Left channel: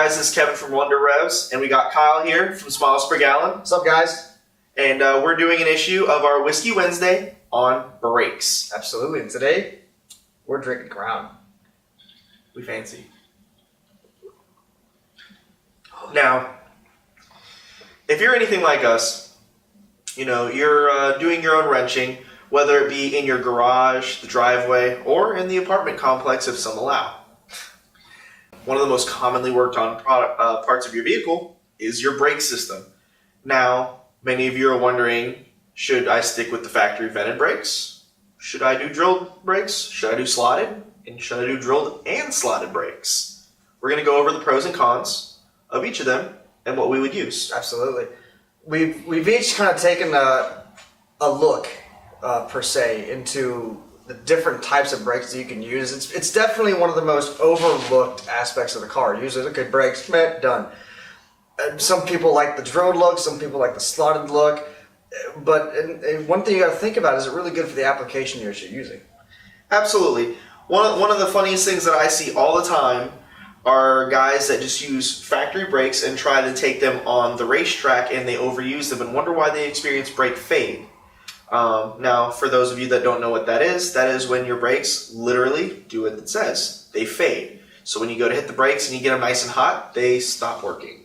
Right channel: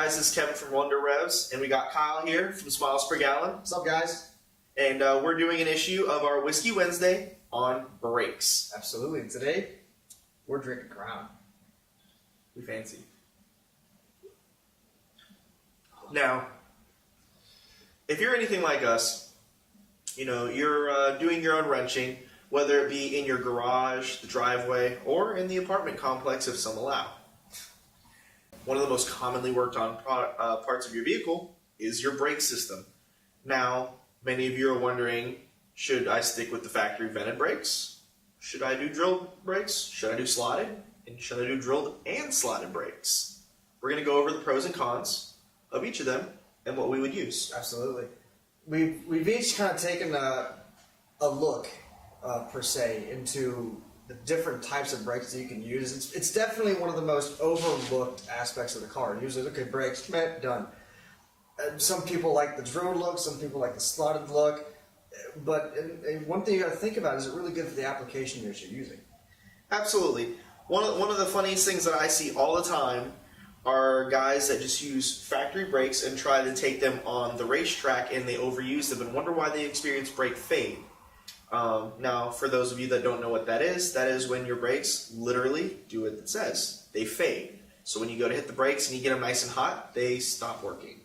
guys, this is Kevin from Wonder Revs, and we got Kyle here from Smiles Per Gallon. What's up, guys? And we're doing an issue of our Whiskey Wednesday on brakes. Absolutely. And today, we're drinking Crown. We fancy. Now, if you're anything like us, you know, you're doing your own wrenching, whether it be in your garage, the driveway, or in the apartment complex if some allow. One of the most commonly worked on parts of your vehicle is your brake system. Now, many of you are wondering, should I stick with the factory vented brakes? Should I do drilled brakes? Should I do slotted? And should I do drilled and slotted brakes? We're going to go over the pros and cons of each of them and what we would use. Absolutely. We've each kind of taken a look, per se, into the different types of brakes that you can use. It's definitely one of the most overlooked aspects of the car. Usually, okay, brakes, meh, done. Some people like the drilled look, some people like the slotted look, but one thing you got to think about, is it really good for the application you're using? Absolutely. One of the funniest things that I see all the time are guys that just use factory brakes and try to take them on the racetrack, and they overuse them and wonder why they experience brake fade. Now, for those of you that don't know what that is when your brakes literally do what it says. They fade. So when you go to hit the brakes and you get them nice and hot, they stop working.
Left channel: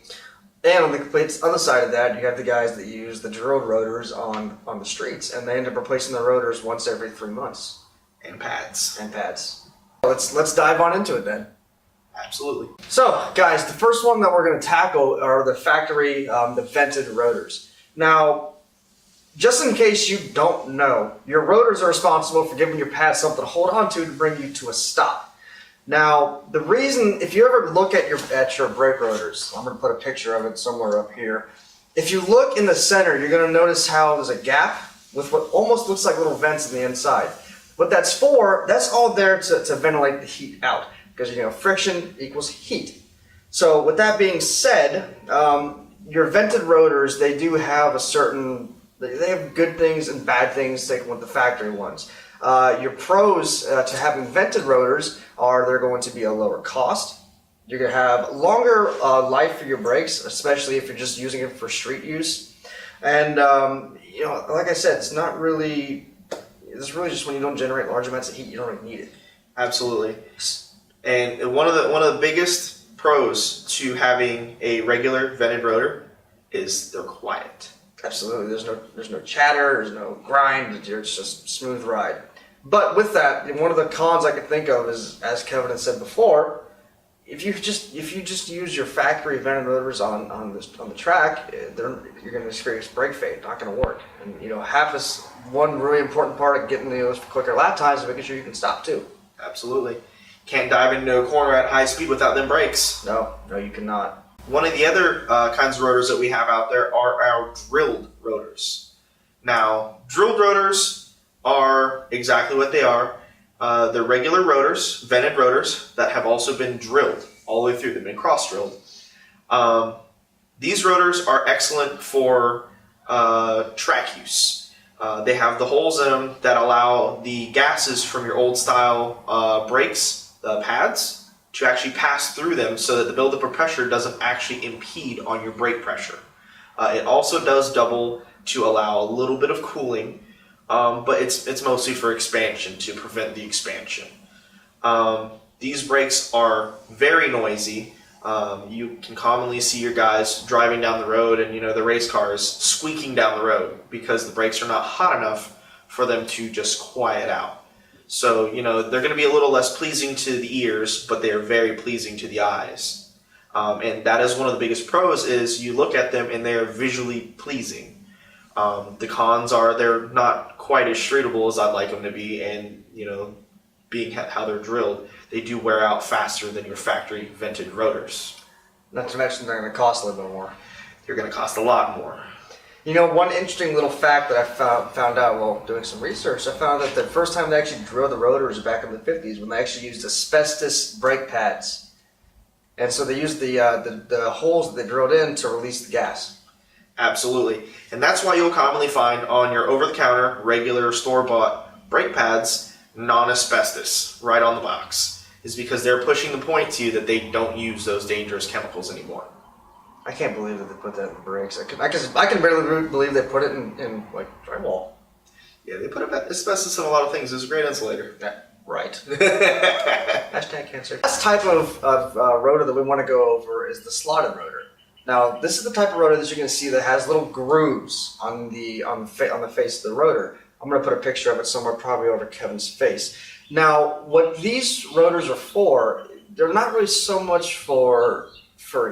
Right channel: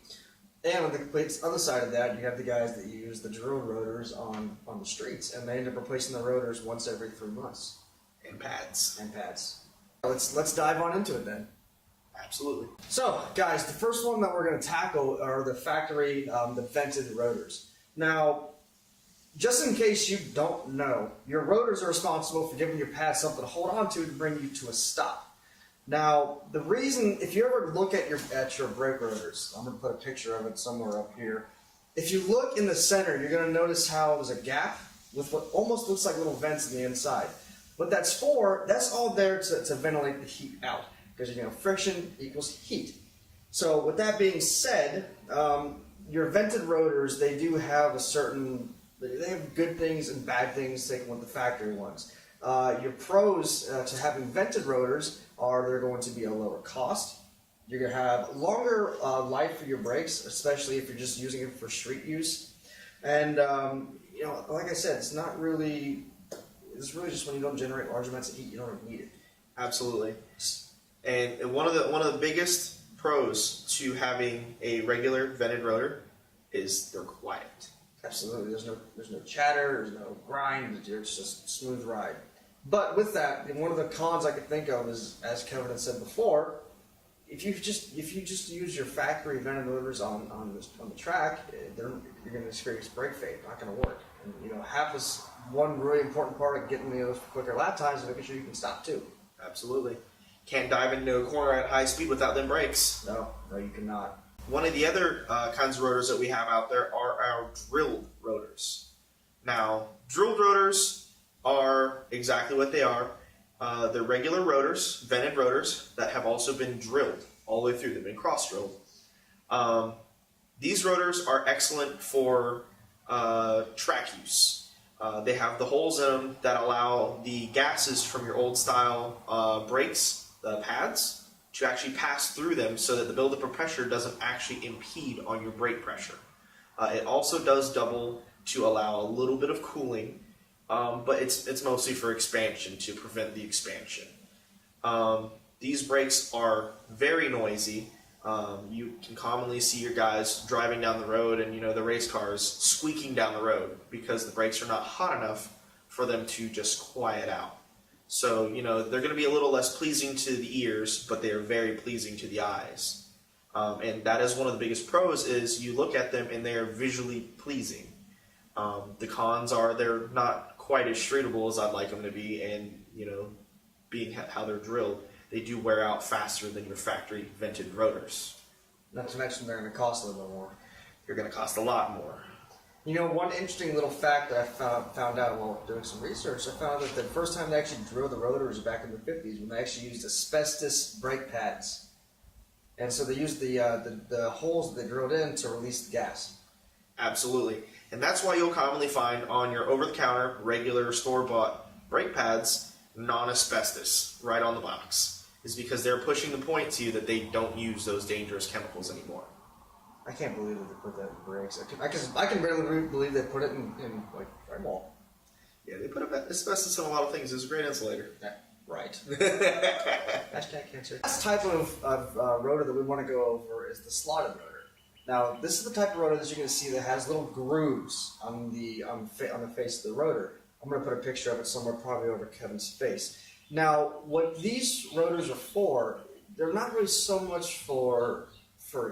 And on the complete other side of that, you have the guys that use the drilled rotors on the streets, and they end up replacing the rotors once every 3 months. And pads. Let's dive on into it then. Absolutely. So, guys, the first one that we're going to tackle are the factory, the vented rotors. Now, just in case you don't know, your rotors are responsible for giving your pad something to hold on to bring you to a stop. Now, the reason, if you ever look at your brake rotors, I'm going to put a picture of it somewhere up here. If you look in the center, you're going to notice how there's a gap with what almost looks like little vents in the inside. What that's for, that's all there to ventilate the heat out, because, you know, friction equals heat. So with that being said, your vented rotors, they do have a certain, they have good things and bad things taken with the factory ones. Your pros to having vented rotors are they're going to be a lower cost. You're going to have longer life for your brakes, especially if you're just using it for street use. And, you know, like I said, it's really just when you don't generate large amounts of heat, you don't really need it. Absolutely. And one of the biggest pros to having a regular vented rotor is they're quiet. Absolutely. There's no chatter, there's no grind, it's just a smooth ride. But with that, one of the cons I could think of is, as Kevin had said before, if you just use your factory vented rotors on the track, you're going to experience brake fade. Not going to work. And you know, one really important part of getting those quicker lap times is making sure you can stop too. Absolutely. Can't dive into a corner at high speed without them brakes. No, you cannot. One of the other kinds of rotors that we have out there are our drilled rotors. Now, drilled rotors are exactly what they are. They're regular rotors, vented rotors, that have also been drilled all the way through. They've been cross-drilled. These rotors are excellent for track use. They have the holes in them that allow the gases from your old style brakes, the pads, to actually pass through them so that the buildup of pressure doesn't actually impede on your brake pressure. It also does double to allow a little bit of cooling, but it's mostly for expansion, to prevent the expansion. These brakes are very noisy. You can commonly see your guys driving down the road and, you know, the race cars squeaking down the road because the brakes are not hot enough for them to just quiet out. So, you know, they're going to be a little less pleasing to the ears, but they are very pleasing to the eyes. And that is one of the biggest pros, is you look at them and they're visually pleasing. The cons are they're not quite as streetable as I'd like them to be, and, you know, being how they're drilled, they do wear out faster than your factory vented rotors. Not to mention they're going to cost a little bit more. They're going to cost a lot more. You know, one interesting little fact that I found out while doing some research, I found that the first time they actually drilled the rotors back in the 50s, when they actually used asbestos brake pads. And so they used the holes that they drilled in to release the gas. Absolutely. And that's why you'll commonly find on your over-the-counter, regular store-bought brake pads, non-asbestos, right on the box. is because they're pushing the point to you that they don't use those dangerous chemicals anymore. I can't believe that they put that in the brakes. I can barely believe they put it in like drywall. Yeah, they put asbestos in a lot of things. It's a great insulator. Yeah, right. Hashtag cancer. Last type of rotor that we want to go over is the slotted rotor. Now, this is the type of rotor that you're going to see that has little grooves on the face of the rotor. I'm going to put a picture of it somewhere, probably over Kevin's face. Now, what these rotors are for, they're not really so much for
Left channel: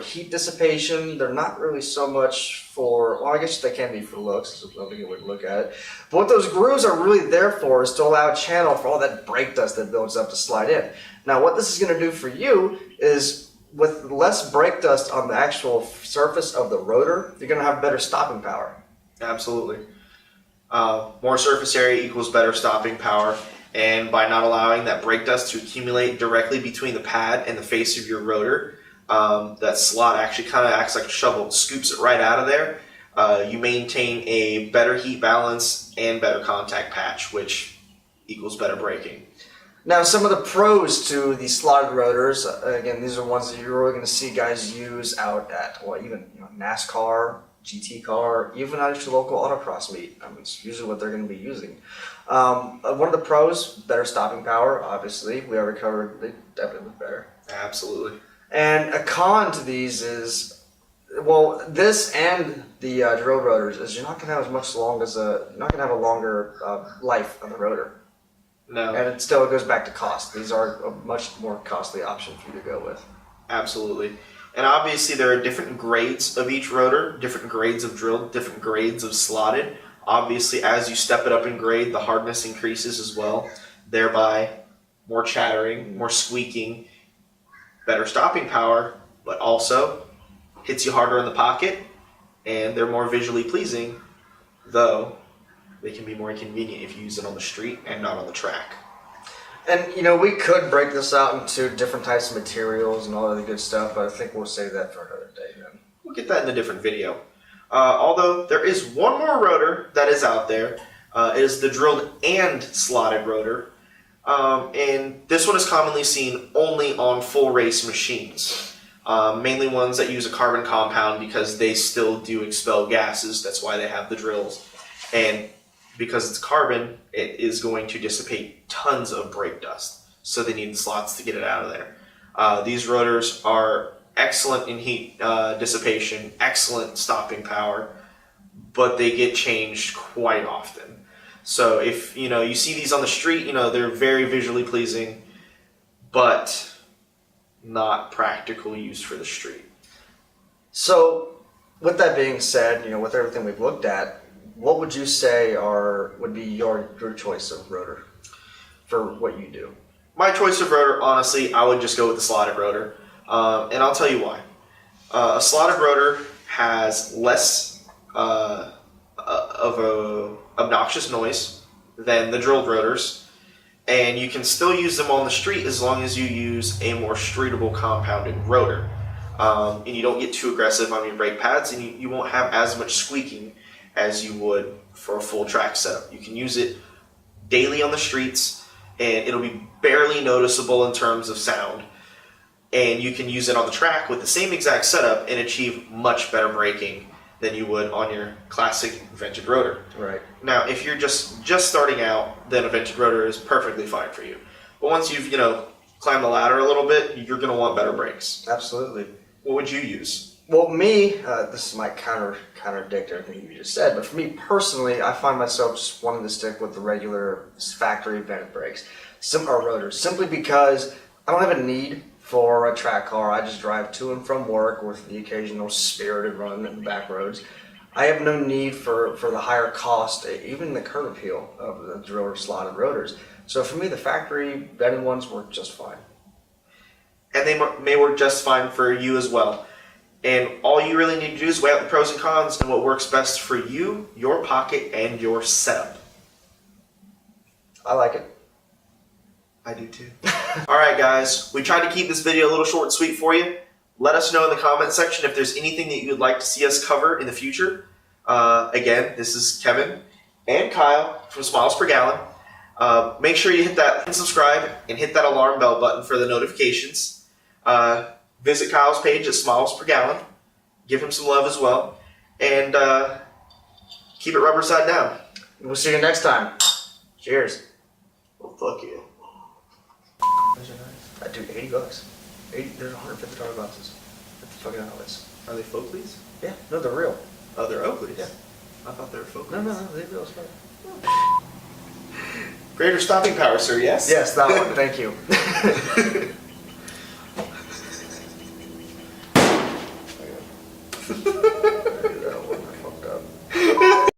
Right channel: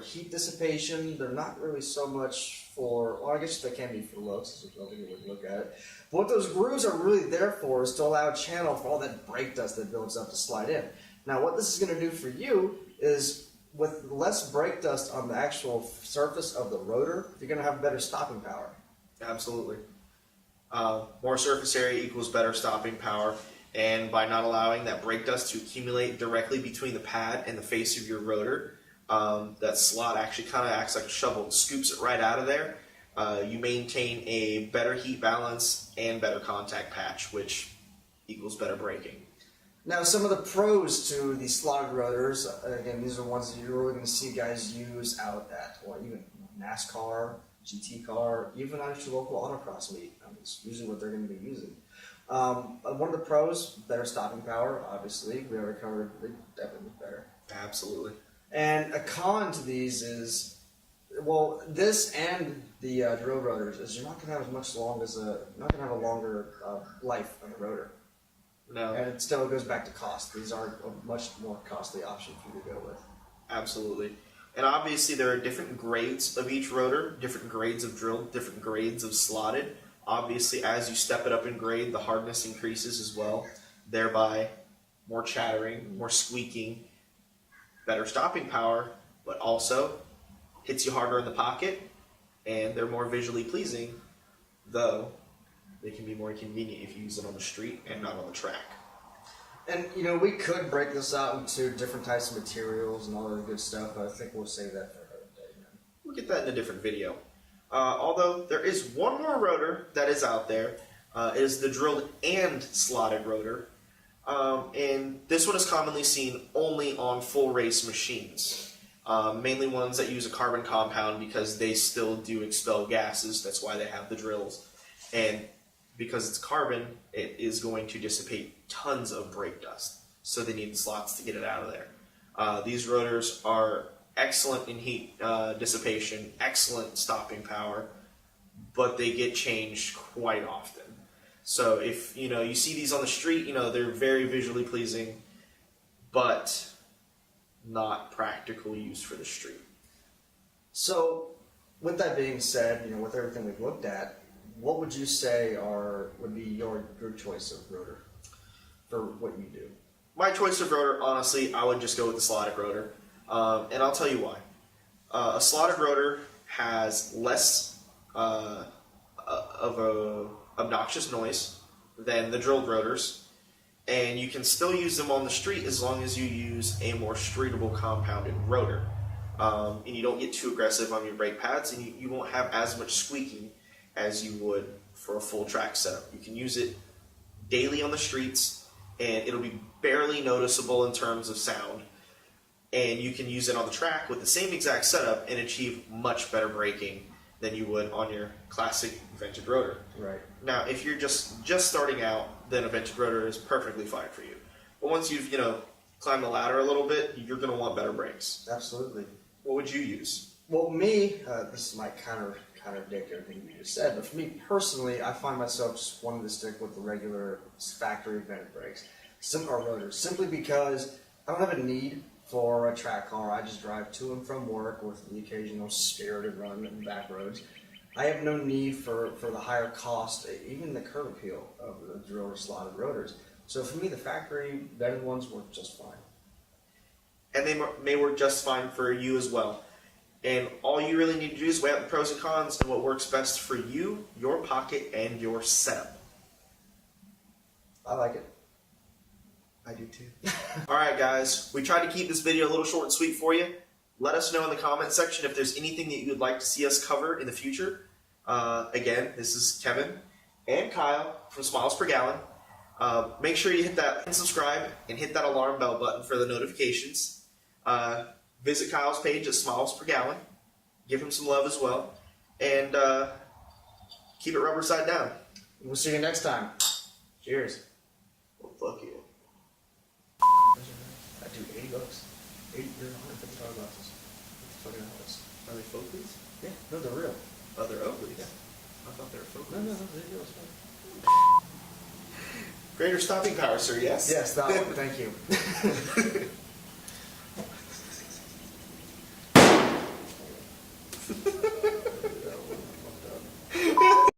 heat dissipation. They're not really so much for, well, I guess they can be for looks. That's another good way to look at it. But what those grooves are really there for is to allow a channel for all that brake dust that builds up to slide in. Now, what this is going to do for you is, with less brake dust on the actual surface of the rotor, you're going to have better stopping power. Absolutely. More surface area equals better stopping power. And by not allowing that brake dust to accumulate directly between the pad and the face of your rotor, that slot actually kind of acts like a shovel, scoops it right out of there. You maintain a better heat balance and better contact patch, which equals better braking. Now, some of the pros to the slotted rotors, again, these are ones that you're really going to see guys use out at, well, even NASCAR, GT car, even at your local autocross meet. I mean, it's usually what they're going to be using. One of the pros, better stopping power, obviously. We already covered, they definitely look better. Absolutely. And a con to these is, well, this and the drill rotors is you're not going to have you're not going to have a longer life on the rotor. No. And it still goes back to cost. These are a much more costly option for you to go with. Absolutely. And obviously there are different grades of each rotor, different grades of drilled, different grades of slotted. Obviously, as you step it up in grade, the hardness increases as well, thereby more chattering, more squeaking, better stopping power, but also hits you harder in the pocket, and they're more visually pleasing, though they can be more inconvenient if you use it on the street and not on the track. And, we could break this out into different types of materials and all of the good stuff, but I think we'll save that for another day then. We'll get that in a different video. Although there is one more rotor that is out there. It is the drilled and slotted rotor. And this one is commonly seen only on full race machines. Mainly ones that use a carbon compound because they still do expel gases. That's why they have the drills. And because it's carbon, it is going to dissipate tons of brake dust. So they need the slots to get it out of there. These rotors are excellent in heat dissipation, excellent stopping power, but they get changed quite often. So if you see these on the street, they're very visually pleasing, but not practical use for the street. So with that being said, with everything we've looked at, what would you say would be your choice of rotor for what you do? My choice of rotor, honestly, I would just go with the slotted rotor. And I'll tell you why. A slotted rotor has less of a obnoxious noise than the drilled rotors, and you can still use them on the street as long as you use a more streetable compounded rotor. And you don't get too aggressive on your brake pads, and you won't have as much squeaking as you would for a full track setup. You can use it daily on the streets, and it'll be barely noticeable in terms of sound. And you can use it on the track with the same exact setup and achieve much better braking than you would on your classic vented rotor. Right. Now, if you're just starting out, then a vented rotor is perfectly fine for you. But once you've climbed the ladder a little bit, you're going to want better brakes. Absolutely. What would you use? Well, me, this might contradict everything you just said, but for me personally, I find myself just wanting to stick with the regular factory vented brakes, or rotors, simply because I don't have a need for a track car. I just drive to and from work with the occasional spirited run in the back roads. I have no need for the higher cost, even the curb appeal of the drilled or slotted rotors. So for me, the factory vented ones work just fine. And they may work just fine for you as well. And all you really need to do is weigh out the pros and cons and what works best for you, your pocket, and your setup. I like it. I do too. Alright guys, we tried to keep this video a little short and sweet for you. Let us know in the comment section if there's anything that you'd like to see us cover in the future. Again, this is Kevin and Kyle from Smiles Per Gallon. Make sure you hit that and subscribe and hit that alarm bell button for the notifications. Visit Kyle's page at Smiles Per Gallon. Give him some love as well. And keep it rubber side down. We'll see you next time. Cheers. Well, fuck you. Dude, $80. There's $150 glasses. What the fucking hell is? Are they Folkleys? Yeah, no, they're real. Oh, they're Oakleys? Yeah. I thought they were Folkleys. No, they're real stuff. Greater stopping power, sir, yes? Yes, that one. Thank you.